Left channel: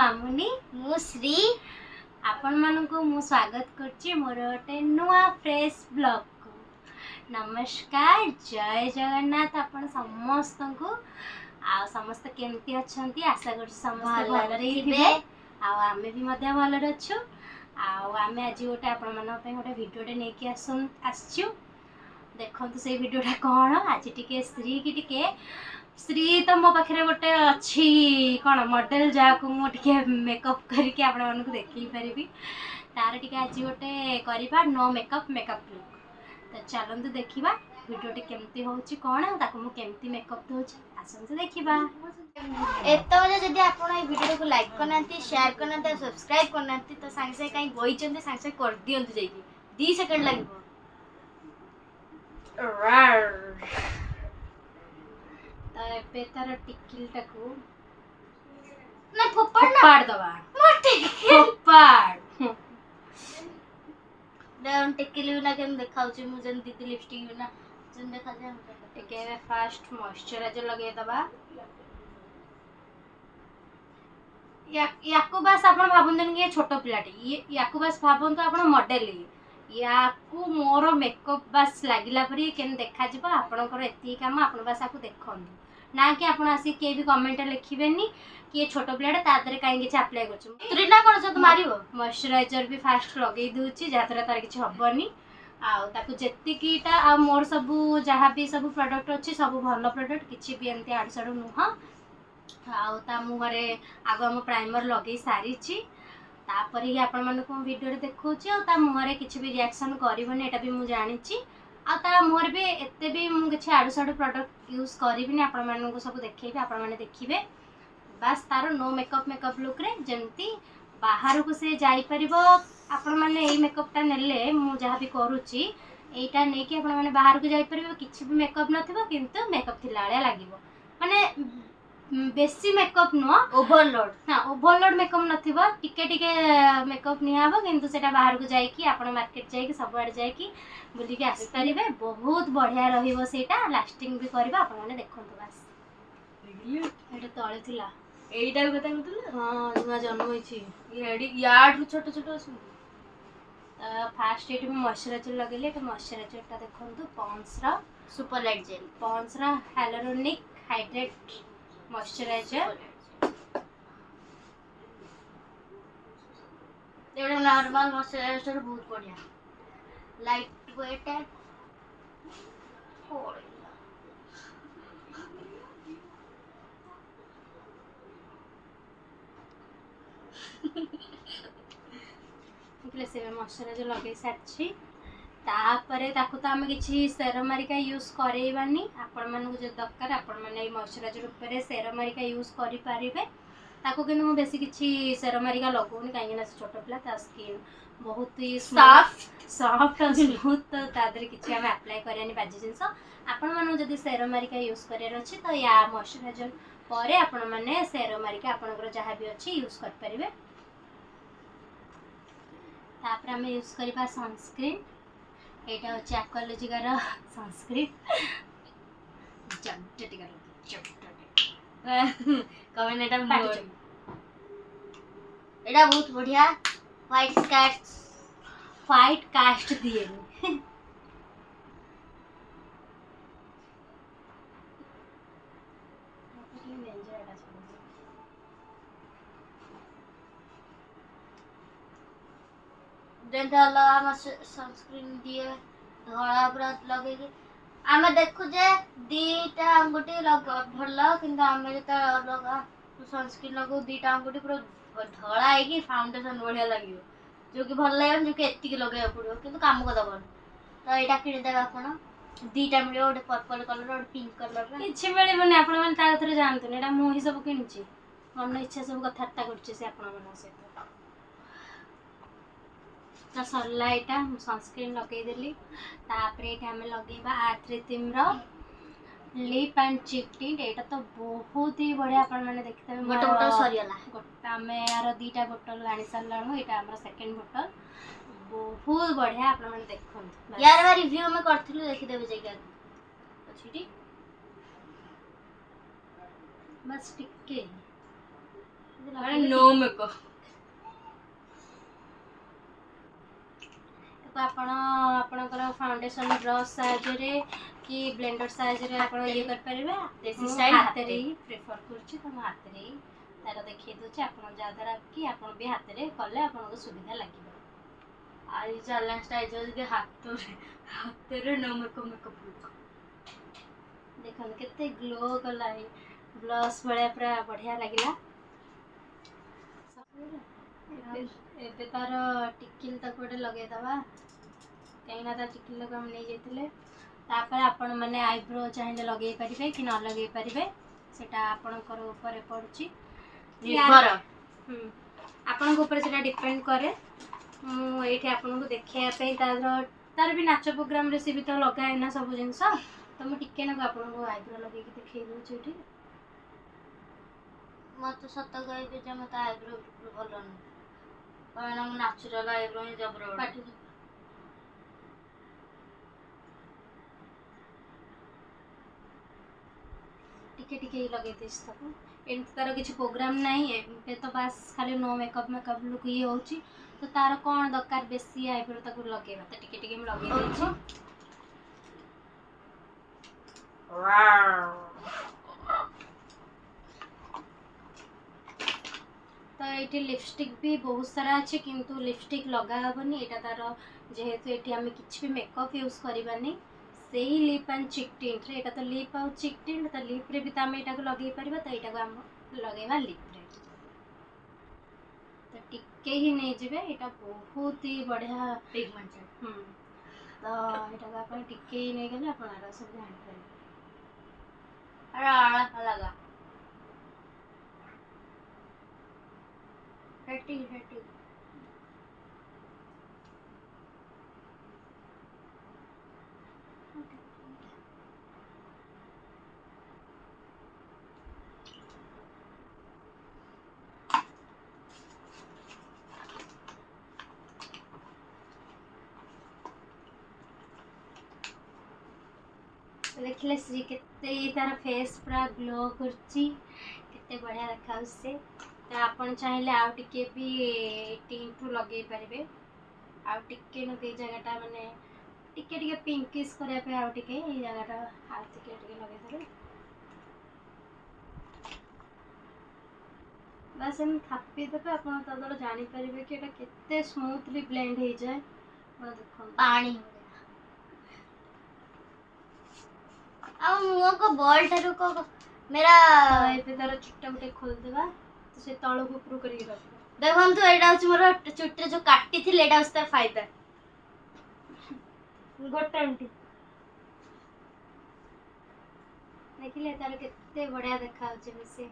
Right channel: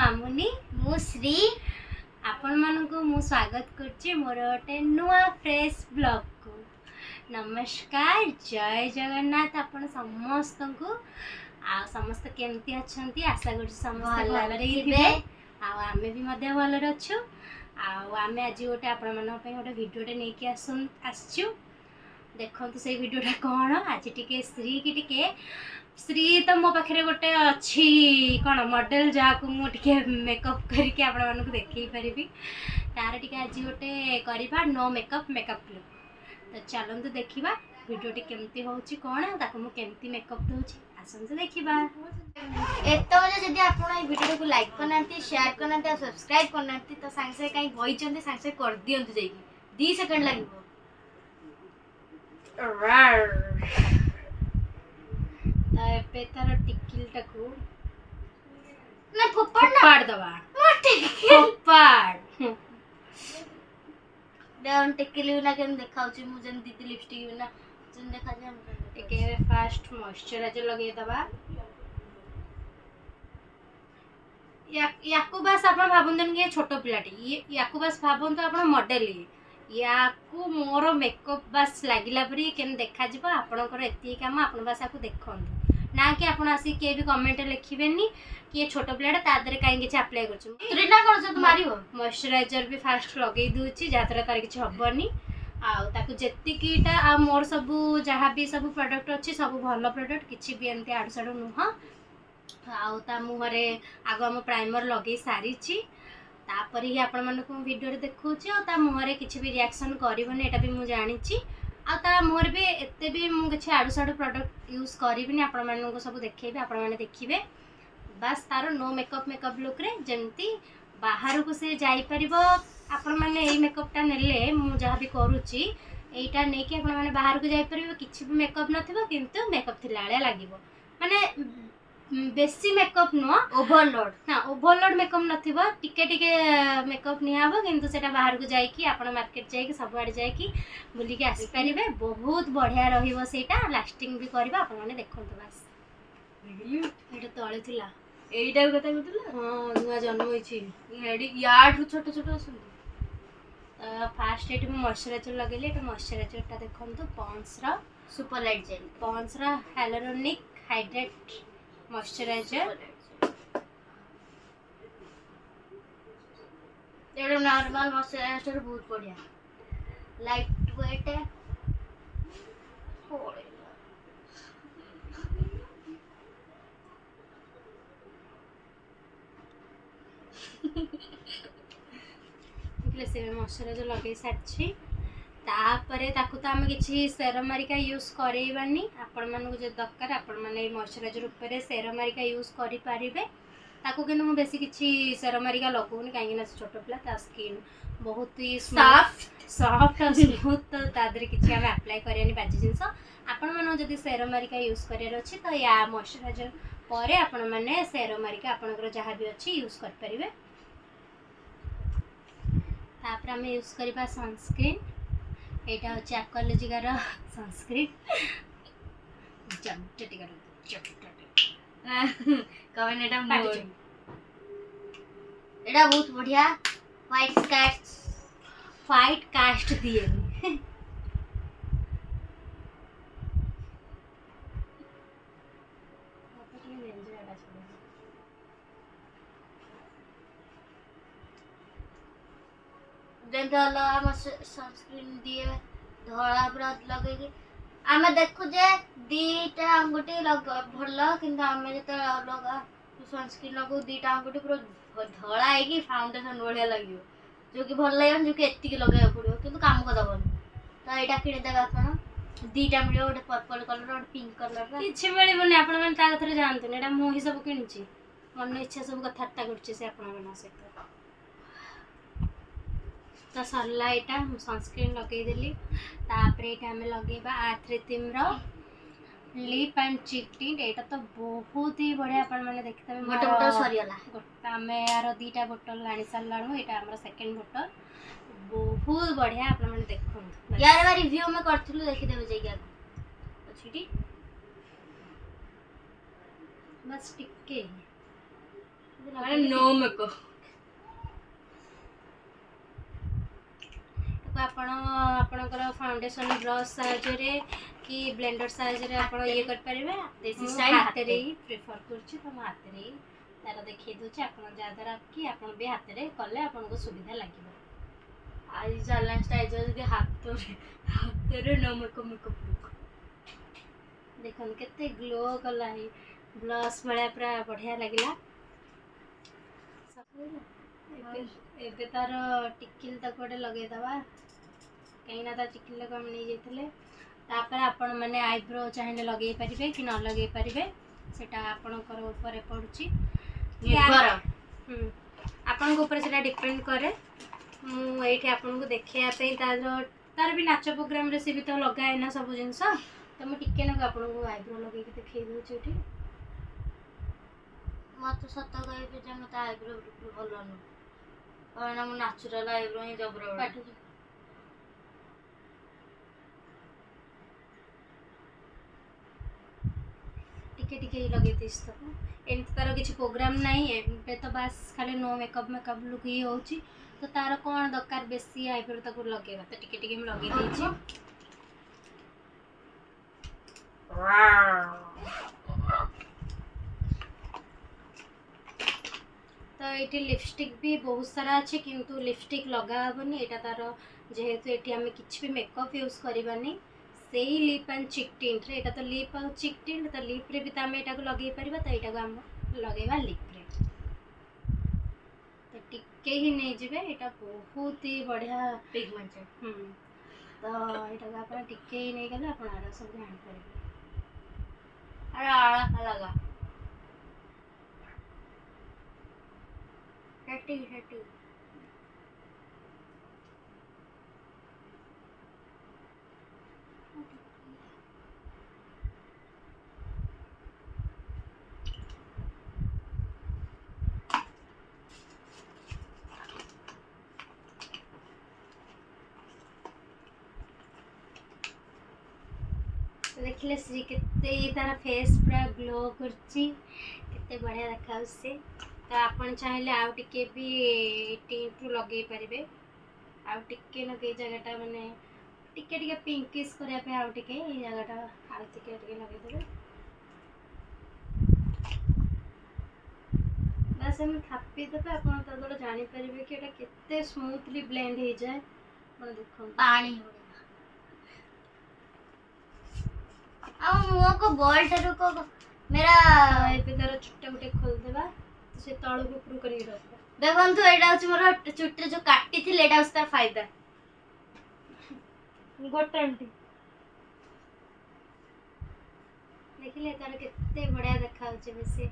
मामुनी मु श्री आपण मानकु मु स्वागत करछि मोर गोटे नुआ फ्रेश ब्लॉग को। नमस्कार, जय जगन्नाथ। आपण समस्त को आ समस्त केमती अछंती आशा करछि समस्त भलरे हिथिबे आ आमे भी मध्य भलरे अछु। आ आमे आज गोटे आपण मन पे गोटे वीडियोटे नेकी आसछु। देखंतु से वीडियोटा कोन आज टिके श्री की टिके श्री तो मो पाखे गोटे अच्छी कौन मॉडल जहाँ को मुझे मेकअप करके आपण मानक देखई पारिबी तार टिके आज गोटे करबा नो मेकअप लुक। तो चलंतु देखिबा वीडियोटी केमती होउची कोन ताको मु केमती मेकअप दोउची आसंतु देखिबा। एतो जे जदी आपण ए वीडियो को लाइक करनांती शेयर करनांती सब्सक्राइब करनांती तो सांग से काई गई चंदी सांग से कर दियंतु जाईकी 2 सेकंड लागिवो। एबे तार टिकिल टाकू ना फोपाड़ दबा फोपाड़ देन टिकिल ना केन देखाउची मु जन दीदी लिपस्टिक ना जन देखा जे हम टिके फर्स्ट मॉइस्चराइजर लगे दबा याकू बस आपण भाबंतन के छोटो पिलाटी याकू बस भाबंतु आपण मॉडल याकू मोर मेकअप बस लागिला परी केन देखा जिवो आपनकर एती काम आपण बस आकू देखंतु ना कि आपण आसी के भी कमेंट लिखिबेनी कि ये छोटो प्लेट ता दरे काई किछ अप्लाई करछु त्रिना कर जत मारिवो। मॉइस्चराइजर भी फास्ट लगेई दूची जातरा तार किछ हबनी आ ताकू जेति कीटा आ मोर सब जहाँ भी सब प्रोडक्ट अछि सब भलो प्रोडक्ट किछि भी एमती आड साडू नुह आ ता मुहरे आगो हम प्राइमर लगेई सारीची तापर ही आपण मानकु वीडियो रे देखौची आ ता मुहरे किछि भी रिएक्शन करबनी एटा भी मु जानिची आ ता मोर भी एते भी मु किछि आडू साडू प्रोडक्ट यूज करबिनी आपण मानकु सब देखैबे आपण माने देखिबे बस तार नो मेकअप लुक रे जेमती बाहर को से जाई परिबो आपण माने एई मेकअपटा नेले मु जहाँ भी करूची एटा नै कि आपण माने बाहर को जाई परिबो किछि भी मेकअप नथिबो किंतु मेकअप थिलाळे लागिवो माने बेसी मेकअप नो ओवरलोड हां ओवरलोड मेकअप नथिबो टिके टिके मेकअप नियाबो किंतु सेटा बाहर को जाई कि आपण मार्केट जाई कि सब आड जाई कि बुली के आसी परिबे बहुत बढ़िया रहिबो सेटा लास्टिंग भी करबा आपण माने देखंतु बस एटा तळे थिला एइटा भी कथा कहतला। हां नुआ जन्म होईची एडी याड छोटो छोटो असु फास्ट एट में मॉइस्चराइजर लगेले एटा मॉइस्चराइजर ता देखंतु पॉन्ड्स रा सुपर लाइट जेल पॉन्ड्स रा हाइलुरोनिक हाइड्रेट मॉइस्चराइजर एडा नॉर्मल मॉइस्चराइजर बहुत बढ़िया लाइट वेट है थोड़े से मॉइस्चराइजर लगे सारछि तापरे ताकू तो आम किसी सेरमारिका यूज करैबानी आपण मानू जो दरकार आपण माने मॉइस्चराइजर ऊपर सेरमारिका यूज करि पारिबे ताकू किंतु मु बेसी किछि सेरमारिका लगौनी काहे ना छोटो पिला ता स्किन बहुत ही सॉफ्ट और स्मूथ तो तादरे किछि हम अप्लाई करियानी बाजी जिंस आपण मानू जदी सेरमारिका यूज करियर अछि तो या मॉइस्चराइजर परे आपण माने सेरमारिका आपनकर जहाँ भी अछि यूज कर परिबे। तापर आम यूज करबा सनस्क्रीन एटा होची एक्वालॉजिका रो सनस्क्रीन जमटेटिका कमेंट एटा मोर एटा बहुत बढ़िया व्हाइट कास्ट दिए देला हम सनस्क्रीन दिए धळा पूरा लगे के आमे देखु जे दीटा अंगुठी भल किंतु आमे जे लगा सनस्क्रीन लगो दीटा अंगुठी पूरा धळा है कि फाउंडेशन बढ़िया लागियो जो कि भल लागन जो कि एत्ती लगे पड़ो किंतु काम को दबन तो एटा किने देबा आपण दीटा मिलियो ओटे पर्पल कलर और पिंक कलर किछि मिले बने आपण मन ता कथरे जानतु एटा मु ही सब किनछि मन इच्छा सब कथाटा करछि से आपण मन से तो सरला एटा सनस्क्रीन लगे देली तापर एटा हमें लगेबा आर्थ्रिथिम रो लिप एंड चिक टिंट एटा तो बहुत ही बढ़िया आपण माने देखते गोटे बोतल सरियला गोटा हमें यार दीटा बोतल आनी सारलाणु एटा हमर सेकंड बोतल बहुत बढ़िया आपण माने देखन यार बा रिव्यू में करथिलु देखि देबे जाई गया अच्छीटी बस टिके ମାନେ नो मेकअप। ଆପଣ ଆପଣଙ୍କର ଫାଉଣ୍ଡେସନ ବ୍ରଶ ସାହାଯ୍ୟରେ କି ବ୍ଲେଣ୍ଡର ସାହାଯ୍ୟରେ ଆପଣ ଇଏ କରିପାରିବେ। ଦେଶୀ ମୁଁ ଷ୍ଟାଇଲ ହାତରେ ହିଁ ପ୍ରିଫର କରୁଛି, ତ ମୁଁ ହାତରେ ହିଁ ତାର ଦେଖେଇ ଦେଉଛି ଆପଣ, ଯାହାଦ୍ୱାରା କି ଆପଣ ବି ହାତରେ କଲେ ଆପଣଙ୍କୁ ସୁବିଧା ଲାଗିବ। ଆଜି ଚ୍ୟାଲେଞ୍ଜଟା ହେଇଯିବ ଯଦି ହାତରେ नो मेकअप ଲୁକ୍। ଦେଖନ୍ତୁ କେତେ ଗ୍ଲୋ କଲା, ଏଇ ବ୍ଲସ୍ ଭଳିଆ ପୁରା ବଢ଼ିଆ ଲାଗିଲା। ଏବେ ତାର ଟିକିଲି ତାକୁ ଗୋଟେ ଲଗେଇଦେବା, କାହିଁକିନା ତା ଟିକିଲିଟାକୁ ଆମେ ନେଇଯାଇଥିଲେ। ତାପରେ ଆପଣମାନେ ଆଇବ୍ରୋ ଚାହିଁଲେ ଲଗେଇ ପାରିବେ କି ନ ଲଗେଇ ପାରିବେ, ସେଟା ଆପଣଙ୍କର ଉପରେ ପଡ଼ୁଛି, ନିର୍ଭର। ଆପଣଙ୍କ ଉପରେ ସେଟା ଡିପେଣ୍ଡ କରେ। ମୁଁ ଏଇଠି ଆପଣଙ୍କୁ ଦେଖେଇବା ପାଇଁ ତାର ବି ନାଚ ପ୍ରୋଗ୍ରାମରେ ସେ ବି ତ ଲଗାଏ ନା ସବୁ ଜିନିଷ, ତ ମୁଁ ଟିକେ ନାକୁ ଆପଣଙ୍କୁ ଆଇବ୍ରୋ ଲଗେଇକି ଦେଖେଇ ଦେଉଛି ଏଠି। ମତେ ସତ କହିବି ଯେ ମତେ ଆଇବ୍ରୋ ବିଲକୁଲ ଭଲ ନୁହେଁ, କାହିଁକିନା ମୁଁ ନ୍ୟାଚୁରାଲ ଆଇବ୍ରୋ ହିଁ ଜବର ପାଟି ଟିକେ ଟିକେ ଲଗେଇ ଦେଇଛି ତାକୁ। ଏମିତି ତାର କିଛି ପ୍ରୋଗ୍ରାମ ନାହିଁ, ଏବେ ତ ବାସ୍ ଖାଲି नो मेकअप ଲୁକ୍ ହିଁ ହେଉଛି, ତ ତାର କ'ଣ ଦରକାର ବେଶୀ ଆଇବ୍ରୋ ତାକୁ ଲଗେଇବା, ତ ଟିକେ ଟିକେ ମୁଁ ଲଗେଇ ଦେଇଛି। ତ ଏଇଠି ଲିପଷ୍ଟିକ୍ ବି ବହୁତ ସାରା ଅଛି, କିନ୍ତୁ ଲିପଷ୍ଟିକ୍ ଲଗା ହେବନି, ଏଇଟା ତାର ଯେହେତୁ ଏଠି ଆମେ କିଛି ବି ମେକଅପ୍ ୟୁଜ୍ କରିବାନି, ସେଇ ଲିପ୍ ଆଣ୍ଡ ଚିକ୍ ଟିଣ୍ଟରେ, ଏଇଟା ତ ଲିପ୍ ଆଉ ଚିକ୍ ଟିଣ୍ଟ, ତ ଲିପ୍ରେ ବି ତ ଆମେ ଏଇଟାକୁ ଲଗେଇ ପାରିବା, ତ ଏଇଟାକୁ ଆମେ ଲଗେଇବା ଲିପ୍ରେ। ତ ଟିକେ ହିଁ ନେଇଯିବେ, ଏଇଟା ବହୁତ ହି ବଢ଼ିଆ ପିଗମେଣ୍ଟେଡ୍। ତ ଏଇଟାକୁ ଆପଣ ଟିକେ ହିଁ ନେଇଗଲେ ଆପଣ ଆର ସବୁ ଜାଣିପାରିବେ। अरे आड़ा लगा हेटी हेटी। तो देखिले श्री केते तार फेस पूरा ग्लो करची, केते बढ़िया देखा से। तो आपण चाहिले आउ टिके भी टिंट लगे पारिबे, आउ टिके न के जगहटा माने टिके टिके पिंकिश करिया पे आउ टिके ए जगहटा आउ टिके टिके लगे देबे। बस हम थापी देबे, आपण तदर जानि परिबे कि एटा केते स्मूथली ब्लेंड हो जाए। आपण देखो पानी अब मुंह को बॉल ठारू को मेरा ଏବେ ତାର ଚୁଟା ଗୋଟେ ଖୋଲିଦେବା, ତ ସେ ତଳକୁ ଉପରୁ କରିକି ରଖ। ଦେଖନ୍ତୁ ଏଇଟା ହଉଛି ମୋର ଚୁଟିରେ ଯୋଉ କାଟିଥିଲି, ଏଇଟା ହଉଛି ତାର ଫାଇଦା। ଗୋଟେ ଏମିତି ଦେଖିଲେ ତାର କେତେ ବଢିଆ ଦେଖାଯାଉଛି ବେଶୀ।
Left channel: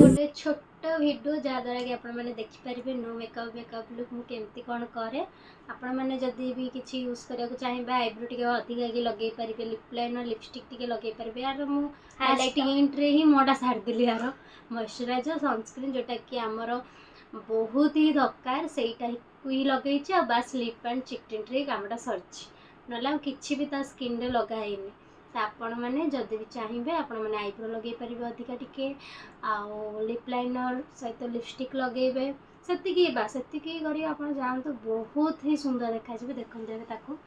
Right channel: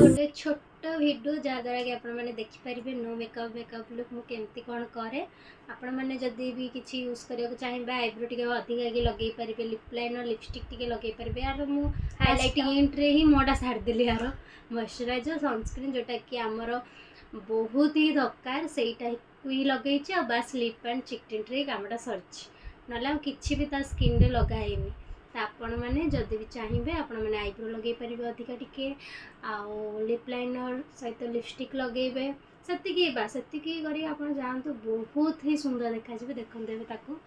ଗୋଟେ ଛୋଟ ଭିଡ଼ିଓ ଯାହାଦ୍ୱାରା କି ଆପଣମାନେ ଦେଖିପାରିବେ नो मेकअप लुକ୍ ମୁଁ କେମିତି କ'ଣ କରେ। ଆପଣମାନେ ଯଦି ବି କିଛି ୟୁଜ୍ କରିବାକୁ ଚାହିଁବେ, ଆଇବ୍ରୋ ଟିକେ ଅଧିକା ଲଗେଇ ପାରିବେ, ଲିପ୍ ଲାଇନର୍ ଲିପଷ୍ଟିକ୍ ଟିକେ ଲଗେଇ ପାରିବେ। ୟାର ମୁଁ ହାଇଲାଇଟିଂରେ ହିଁ ମୋଟା ଛାଡ଼ିଦେଲି, ୟାର ମଏଶ୍ଚରାଇଜର ସନସ୍କ୍ରିନ୍ ଯେଉଁଟାକି ଆମର ବହୁତ ହି ଦରକାର, ସେଇଟାକୁ ହିଁ ଲଗେଇଛି। ଆଉ ବାସ୍ ଲିପ୍ ଆଣ୍ଡ ଚିକ୍ ଟିଣ୍ଟରେ ହିଁ କାମଟା ସରିଛି, ନହେଲେ ଆଉ କିଛି ବି ତା ସ୍କିନ୍ରେ ଲଗା ହେଇନି। ତ ଆପଣମାନେ ଯଦି ବି ଚାହିଁବେ, ଆପଣମାନେ ଆଇବ୍ରୋ ଲଗେଇ ପାରିବେ ଅଧିକା ଟିକେ, ଆଉ ଲିପ୍ ଲାଇନର୍ ସହିତ ଲିପଷ୍ଟିକ୍ ଲଗେଇବେ, ସେତିକି କରି ଆପଣ ଯାଆନ୍ତୁ, ବହୁତ ହି ସୁନ୍ଦର ଦେଖାଯିବେ। ଦେଖନ୍ତୁ ଏବେ ତାକୁ